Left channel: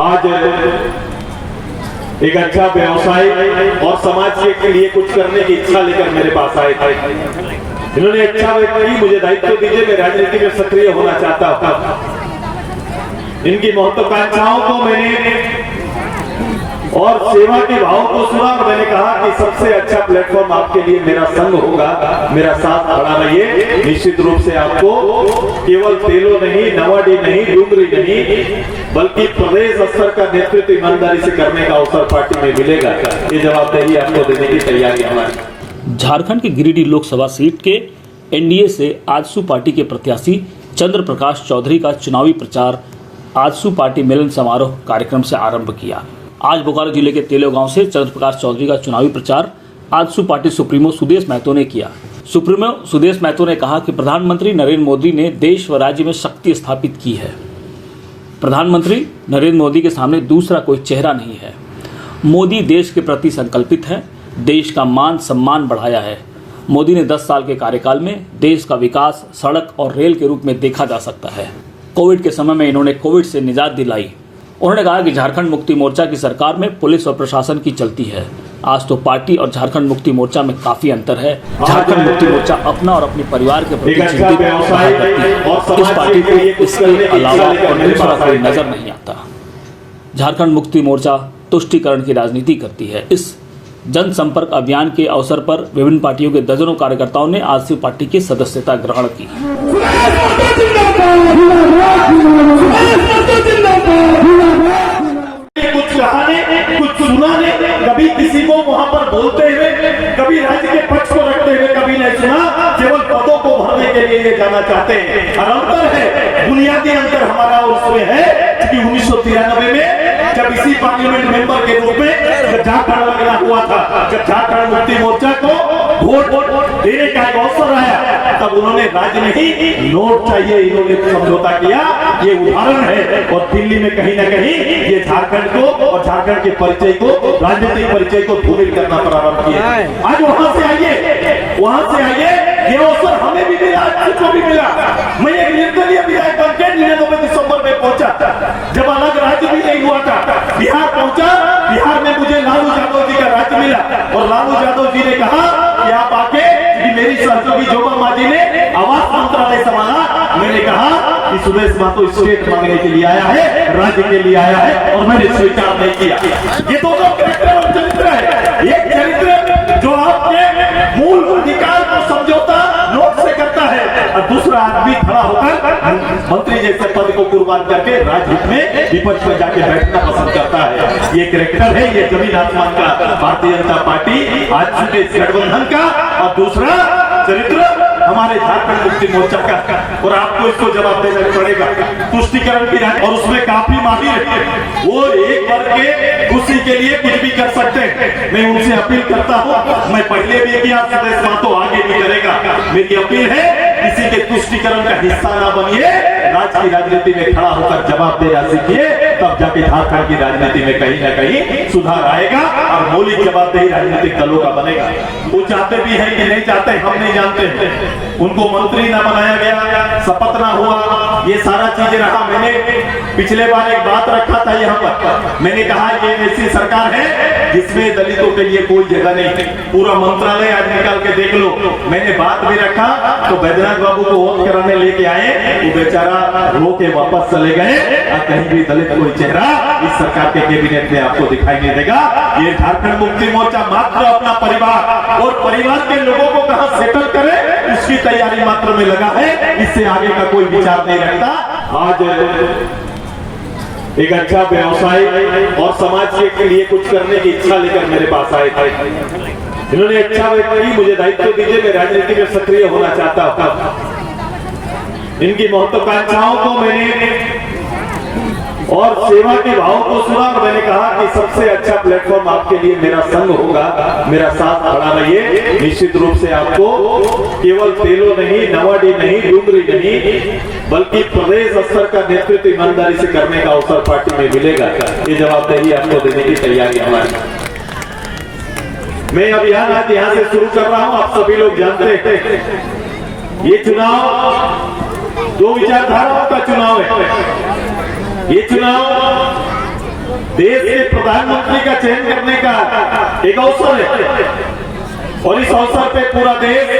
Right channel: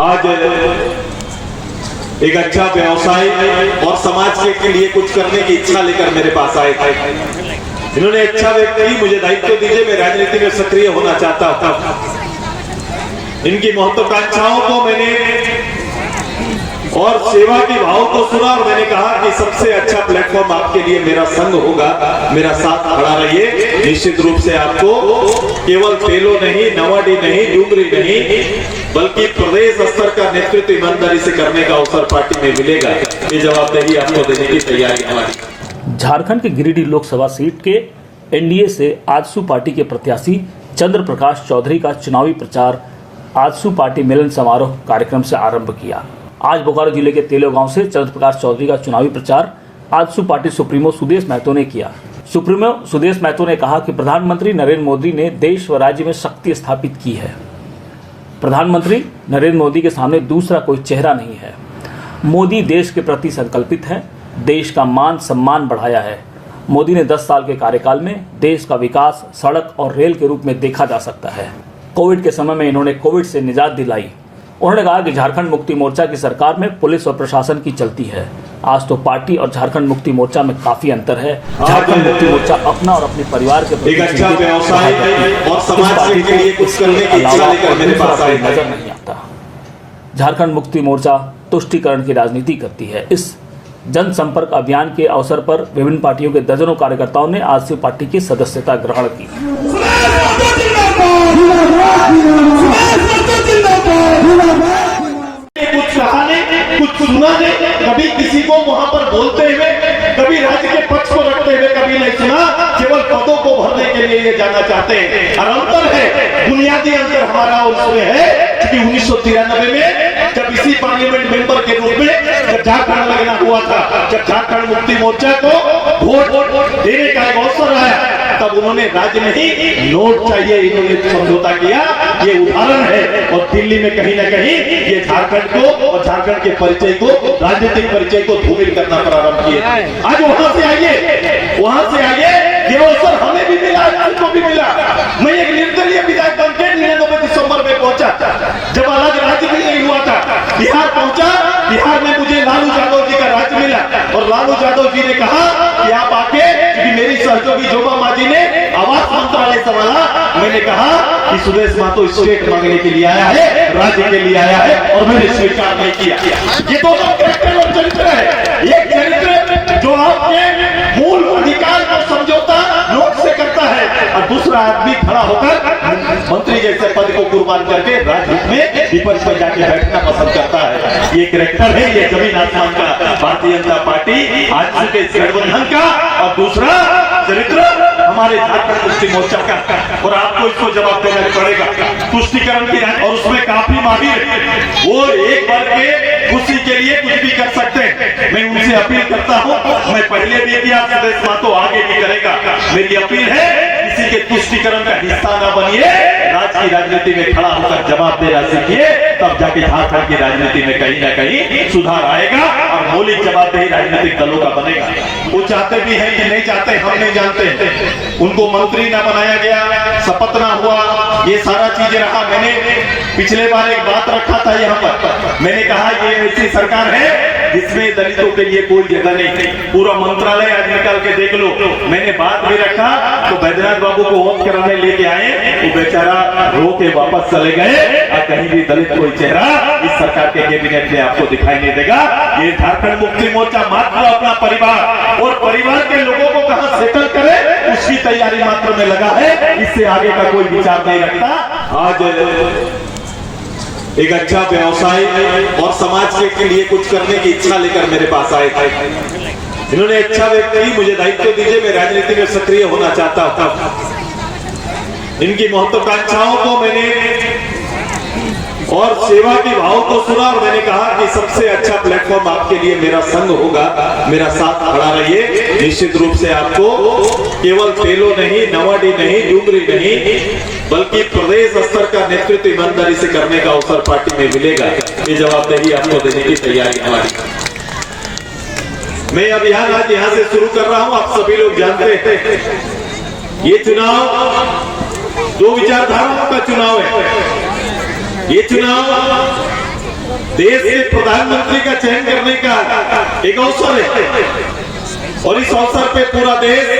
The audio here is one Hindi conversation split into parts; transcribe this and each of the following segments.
आज एक अच्छा व्यवसाय और समाज के लिए कुछ करने की इच्छा लेकर मेरे पास आए थे। इन्होंने इच्छा व्यक्त की, मुझे दायित्व दीजिए, मैं राजनीति में सक्रिय होना चाहता था। इनकी महत्वाकांक्षाओं को मैंने और सेवा के भाव को सुना और मैंने कहा कि सबसे अच्छा प्लेटफॉर्म आपके लिए मेरा संग होगा, मेरा साथ खड़ा रहिए। निश्चित रूप से आपको केवल तेलो नहीं, नवाडी नहीं, डूंगरी नहीं, बल्कि प्रदेश स्तर का नेतृत्व ईमानदारी से करने का अवसर पार्टी में मिलेगा। ये जवाबदेही आपको देने की तैयारी हमारी। झारखंड के गिरिडीह लोकसभा सीट के एनडीए से आजसू पार्टी के प्रत्याशी चंद्र प्रकाश चौधरी का चुनावी प्रचार आजसू पार्टी मिलन समारोह कार्यक्रम से आरंभ किया। आज बोकारो जिले के तेलो गांव से चंद्र प्रकाश चौधरी का चुनावी प्रचार आजसू पार्टी सुप्रीमो सुदेश महतो ने किया। सुप्रीमो सुदेश महतो ने कहा कि प्रधानमंत्री नरेंद्र मोदी ने देश व राज्य में शक्ति स्थापित की है। प्रधानमंत्री नरेंद्र मोदी के सामने दूसरा कोई चेहरा नहीं है। मोदी देश के प्रति संकल्पित हैं, देश का मान सम्मान बढ़ाया है। मोदी ने 10 साल के कार्यकाल में देश का विकास सड़क और रेल के रूप में देखा जा सकता है। कोविड के समय में इन्होंने कोविड से निजात दिलाई। उन्होंने कहा कि झारखंड मुक्ति मोर्चा की सरकार में पुलिस और प्रशासन की चलती है। आज तो पार्टी और झारखंड मुक्ति मोर्चा में काफी अंतर है। झारखंड मुक्ति मोर्चा अपना और अपने परिवार के प्रति चिंतित है। इस पार्टी को इसके अलावा दूसरा कोई नजर नहीं आता। झारखंड मुक्ति मोर्चा तुष्टीकरण की राजनीति करती है। इस जनसंपर्क अभियान के अवसर पर विभिन्न पार्टियों के दर्जनों कार्यकर्ताओं ने आजसू पार्टी की सदस्यता ग्रहण की। कुछ कहानी, कुछ सुना नहीं, कभी किसी को वहां पर बोलते हुए, कभी राज्य के पक्ष को रखते हुए कभी नहीं सुना। केवल पदों को भरने के लिए ये जाना चाहते हैं। और अंतर है, बुनियादी अंतर हमारा उसमें है कि 1993 में जब इसी पार्लियामेंट मेंबर के रूप में जब झारखंड लगना हुआ था, जब झारखंड मुक्ति मोर्चा को वोट देने का एक अवसर आया, तब उन्होंने राज्य में ही नोट चाहिए इन्होंने समझौता किया। ये उदाहरण है। और दिल्ली में कहीं ना कहीं ये झारखंड को और झारखंड के परिचय को, राजनीतिक परिचय को धूमिल करना प्रारंभ किया। आज वहां से आइए, ये अवसर हमें भी मिला, आपको भी मिला। मैं एक निर्दलीय विधायक बन के 99 दिसंबर में पहुंचा, जब अलग राज्य भी नहीं हुआ था। बिहार पहुंचा, बिहार में मुझे लालू यादव जी का राज्य मिला और लालू यादव जी ने कहा कि आप आके, क्योंकि मेरी सहयोगी जोबा मांझी ने आवास मंत्रालय संभाला। मैंने कहा कि सुदेश महतो स्टेट मांगने के लिए आया है, राज्य के लिए आया है, और मैंने स्वीकार नहीं किया। ये दोनों कैरेक्टर और चरित्र है। एक चरित्र जो आपके मूल अधिकार का समझौता लोक से करता है, और दूसरा आदमी खड़ा होकर मंत्री जैसे पद को कुर्बान करके राजनीति में विपक्ष में जाके बैठना पसंद करता है। ये कैरेक्टर है, ये जमीन आसमान का भारतीय जनता पार्टी आजसू के गठबंधन का, और दूसरा चरित्र हमारे झारखंड मुक्ति मोर्चा का। और आपको इसको जवाब देना पड़ेगा। तुष्टीकरण की और उसमें काफी माहिर, वो एक वर्ग के खुशी के लिए कुछ भी कर सकते हैं। मैं उनसे अपील करता हूँ, मैं पहले भी किया, सुदेश महतो आगे भी करेगा। मेरी अपील है, किसी के तुष्टीकरण का हिस्सा न बनिए, राज्य की राजनीति में खड़ा होकर जवाब देना सीखिए, तब जाके झारखंड की राजनीति में कहीं ना कहीं सुधार आएगा और मौलिक जवाबदेही राजनीतिक दलों का बनेगा। वो चाहते भी हैं कि नहीं चाहते, हम नहीं जानते। उनको मंत्री ना बनाया गया, शपथ ना हुआ, ये सारा चीजें रहा। मैंने पिछले बार एक बात रखा था यहाँ पर, मैंने कहा ये ऐसी सरकार है जिसमें दलितों के लिए कोई जगह नहीं। पूरा मंत्रालय आज निकाल के देख लो। मैंने बात भी रखा तो बैद्यनाथ बाबू को वोट कराने लेके आए, वो बेचारा रो के वापस चले गए। और कहीं भी दलित कोई चेहरा इस सरकार के कैबिनेट में आपको दिखाई नहीं देगा। ये झारखंड मुक्ति मोर्चा मात्र अपना परिवार और परिवार के लोगों को कहां सेटल करे, उसकी तैयारी मात्र में लगा है। इससे आगे का कोई विचार नहीं रखता। आज एक अच्छा व्यवसाय और समाज के लिए कुछ करने की इच्छा लेकर मेरे पास आए थे। इन्होंने इच्छा व्यक्त की, मुझे दायित्व दीजिए, मैं राजनीति में सक्रिय होना चाहता था। इनकी महत्वाकांक्षाओं को मैंने और सेवा के भाव को सुना और मैंने कहा कि सबसे अच्छा प्लेटफॉर्म आपके लिए मेरा संग होगा, मेरा साथ खड़ा रहिए। निश्चित रूप से आपको केवल तेलो नहीं, नवाडी नहीं, डूंगरी नहीं, बल्कि प्रदेश स्तर का नेतृत्व ईमानदारी से करने का अवसर पार्टी में मिलेगा। ये जवाबदेही आपको देने की तैयारी हमारी। मैं अभियान आज यहाँ से शुरू कर रहा हूँ। आप सभी लोग जानते हैं ये चुनाव दो विचारधाराओं का चुनाव है। ये चुनाव देश के प्रधानमंत्री का चयन करने का एक अवसर है और इस अवसर पे पूरा देश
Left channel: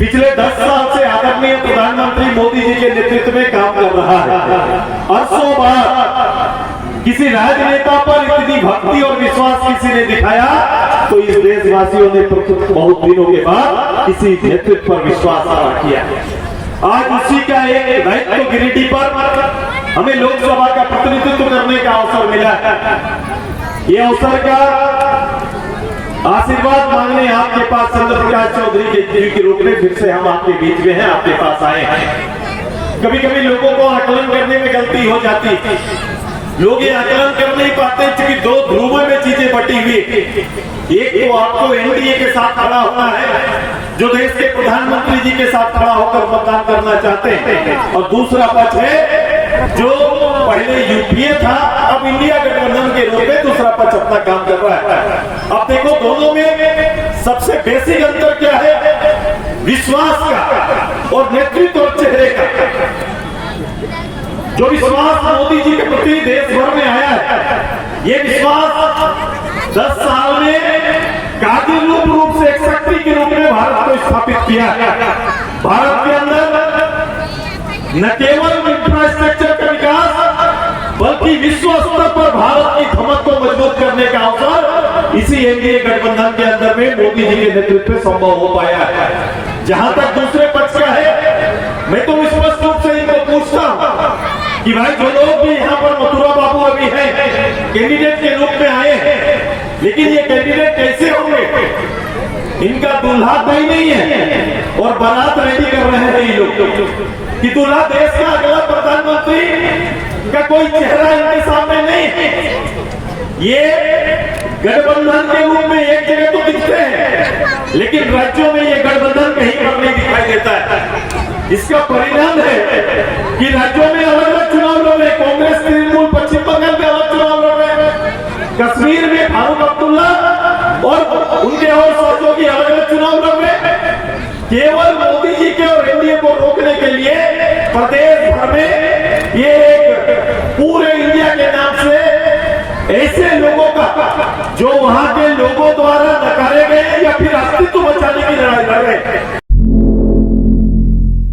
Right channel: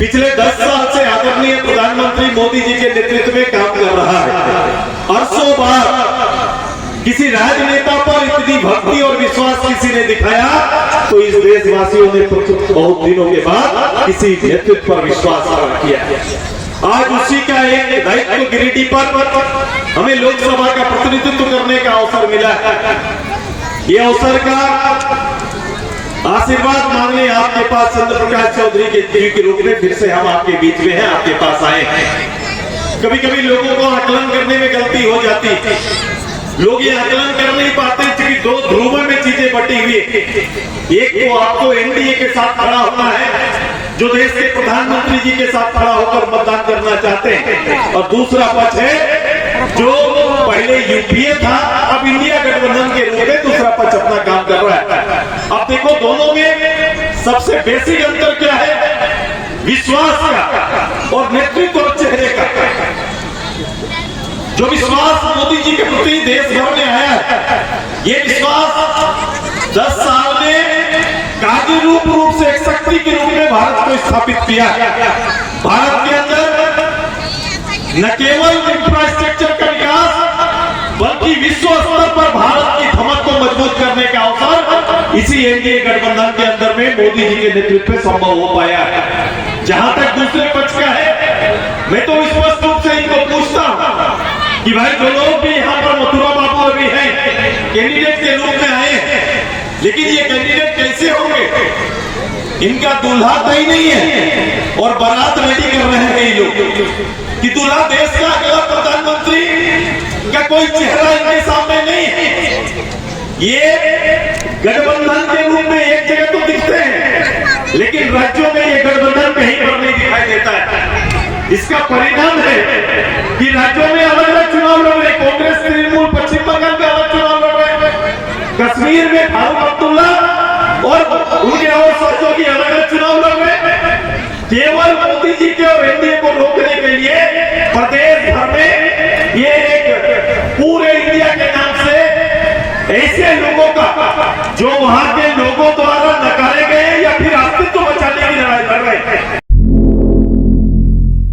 पिछले 10 साल से आदरणीय प्रधानमंत्री मोदी जी के नेतृत्व में काम कर रहा है। अरसों बाद किसी राजनेता पर इतनी भक्ति और विश्वास किसी ने दिखाया तो इस देशवासियों ने बहुत दिनों के बाद किसी नेतृत्व पर विश्वास किया। आज उसी का एक दायित्व गिरिडीह पर हमें लोकसभा का प्रतिनिधित्व करने का अवसर मिला। ये अवसर का आशीर्वाद मांगने आपके पास चंद्र प्रकाश चौधरी के रूप में फिर से हम आपके बीच में हैं, आपके पास आए हैं। कभी कभी लोगों को आकलन करने में गलती हो जाती है, लोग ये आकलन कर नहीं पाते क्योंकि दो ध्रुवों में चीजें बटी हुई। एक तो आपको एनडीए के साथ खड़ा होना है जो देश के प्रधानमंत्री जी के साथ खड़ा होकर मतदान करना चाहते हैं, और दूसरा पक्ष है जो पहले यूपीए था अब इंडिया गठबंधन के रूप में दूसरा पक्ष अपना काम कर रहा है। अब देखो दोनों में सबसे बेसिक अंतर क्या है? विश्वास का और नेतृत्व और चेहरे का। जो विश्वास मोदी जी के प्रति देश भर में आया है, ये विश्वास 10 साल में कार्यरूप रूप से एक शक्ति के रूप में भारत को स्थापित किया है। भारत के अंदर न केवल इंफ्रास्ट्रक्चर का विकास बल्कि विश्व स्तर पर भारत की धमक को मजबूत करने का अवसर इसी एनडीए गठबंधन के अंदर में मोदी जी के नेतृत्व में संभव हो पाया है। जहां तक दूसरे पक्ष का है, मैं तो स्पष्ट रूप से इनको पूछता हूं कि भाई जो लोग भी यहाँ पर मथुरा बाबू अभी हैं, कैंडिडेट के रूप में आए हैं, लेकिन ये कैंडिडेट कैसे होंगे? इनका दूल्हा तय नहीं है और बारात रेडी कर रहे हैं ये लोग कि दूल्हा देश का अगला प्रधानमंत्री का कोई चेहरा इनके सामने नहीं है। ये गठबंधन के रूप में एक जगह तो दिखते हैं, लेकिन राज्यों में ये गठबंधन कहीं पर नहीं दिखाई देता है। इसका परिणाम है कि राज्यों में अलग अलग चुनाव लड़ रहे, कांग्रेस तृणमूल पश्चिम बंगाल में अलग चुनाव लड़ रहे, कश्मीर में फारूक अब्दुल्ला और उनके और सहयोगी अलग अलग चुनाव लड़ रहे। केवल मोदी जी के और एनडीए को रोकने के लिए प्रदेश भर में ये एक पूरे इंडिया के नाम से ऐसे लोगों का जो वहां के लोगों द्वारा नकारे गए या फिर अस्तित्व